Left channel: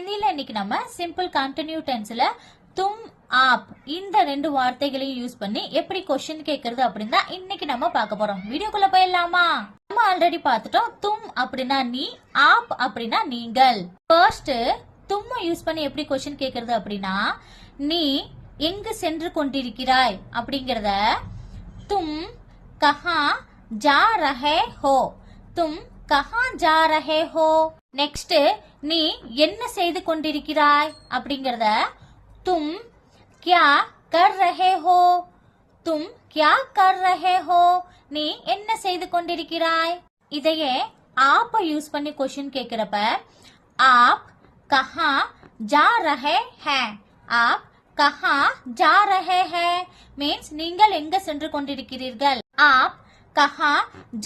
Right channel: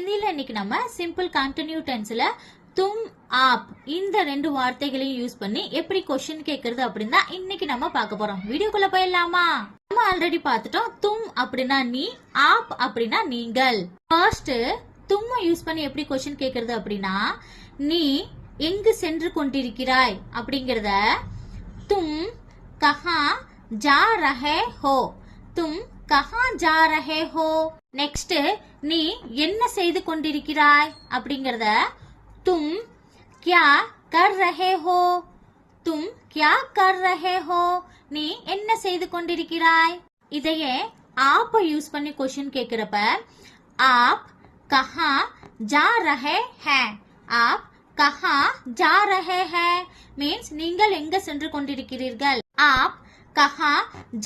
ஹிந்தில இன்னைக்கு நம்ம சிம்பிள் கண்டினியூ டென்ஸ்ல தும் ஆப் இந்த ரெண்டு வார்த்தைகளையும் யூஸ் பண்ணி எப்படி क्वेश्चन கேக்குறது அப்படின்னா இன்னைக்கு நம்ம பார்க்க போறோம். வீடியோக்குள்ள போயிடலாமா? நம்ம ஆல்ரெடி பார்த்துட்டோம். தும் அப்படின்னா நீ, ஆப் அப்படின்னா நீங்கள். ஃபர்ஸ்ட் தும் யூஸ் பண்ணி எப்படி क्वेश्चन கேக்குறது அப்படின்னா நீ எங்கு சென்று கொண்டிருக்கிறாய் அப்படிங்கறத தும் கஹா ஜா ரஹே ஹோ, தும் கஹா ஜா ரஹே ஹோ. நெக்ஸ்ட் நீ என்ன செய்து கொண்டிருக்கிறாய் அப்படிங்கறத தும் क्या कर रहे हो, तुम क्या कर रहे हो. நீ என்ன செய்து கொண்டிருக்கிறாய். இதையே आप யூஸ் பண்ணி क्वेश्चन கேக்குறப்ப आप कहाँ जा रहे हैं, आप कहाँ जा रहे हैं மீன்ஸ் நீங்கள் எங்க சென்று கொண்டிருக்கிறீர்கள். आप कहाँ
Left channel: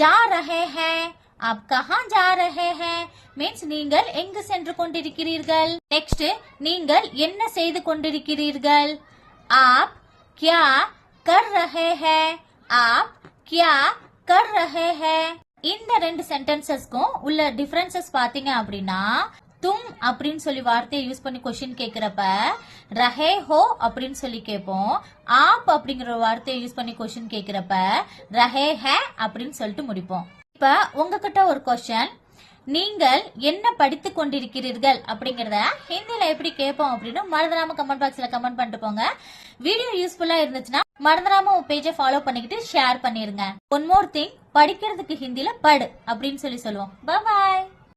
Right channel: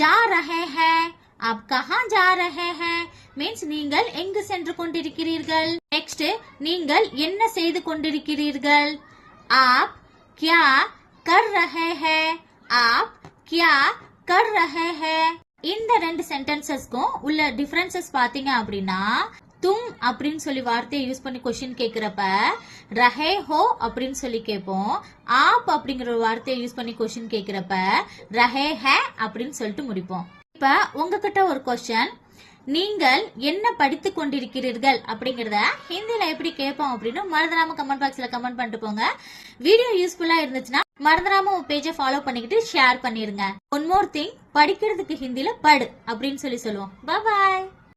जा रहे हैं, आप कहाँ जा रहे हैं மீன்ஸ் நீங்கள் எங்கு சென்று கொண்டிருக்கிறீர்கள். நெக்ஸ்ட் நீங்கள் என்ன செய்து கொண்டிருக்கிறீர்கள். आप क्या कर रहे हैं, आप क्या कर रहे हैं. இந்த ரெண்டு சென்டென்சஸ்க்கும் உள்ள டிஃபரன்சஸ் பாத்தீங்க அப்படின்னா தும் அப்படின்னு சொல்லி வார்த்தையை யூஸ் பண்ணி क्वेश्चन கேக்குறப்ப ரஹே ஹோ அப்படின்னு சொல்லி கேட்போம். ஆப் அப்படிங்கிற வார்த்தையை யூஸ் பண்ணி क्वेश्चन கேக்குறப்ப ரஹே ஹே அப்படின்னு சொல்லிட்டு முடிப்போம். இப்ப உங்ககிட்ட ஒரு क्वेश्चन, நீங்கள் என்ன படித்துக் கொண்டிருக்கிறீர்கள் அப்படிங்கறத ஹிந்தில எப்படி கேட்போம் அப்படின்னு மறந்துடாம கமெண்ட் பாக்ஸ்ல கமெண்ட் பண்ணிட்டு போங்க. வீடியோ யூஸ்ஃபுல்லா இருந்துச்சுன்னா மறந்துடாம உங்க பேஜை ஃபாலோ பண்ணிக்கிட்டு ஷேர் பண்ணிருங்க. ஒன் மோர் திங், படிக்கிறதுக்கு ஹிந்தில படு அப்படின்னு சொல்லுவோம். பாய்.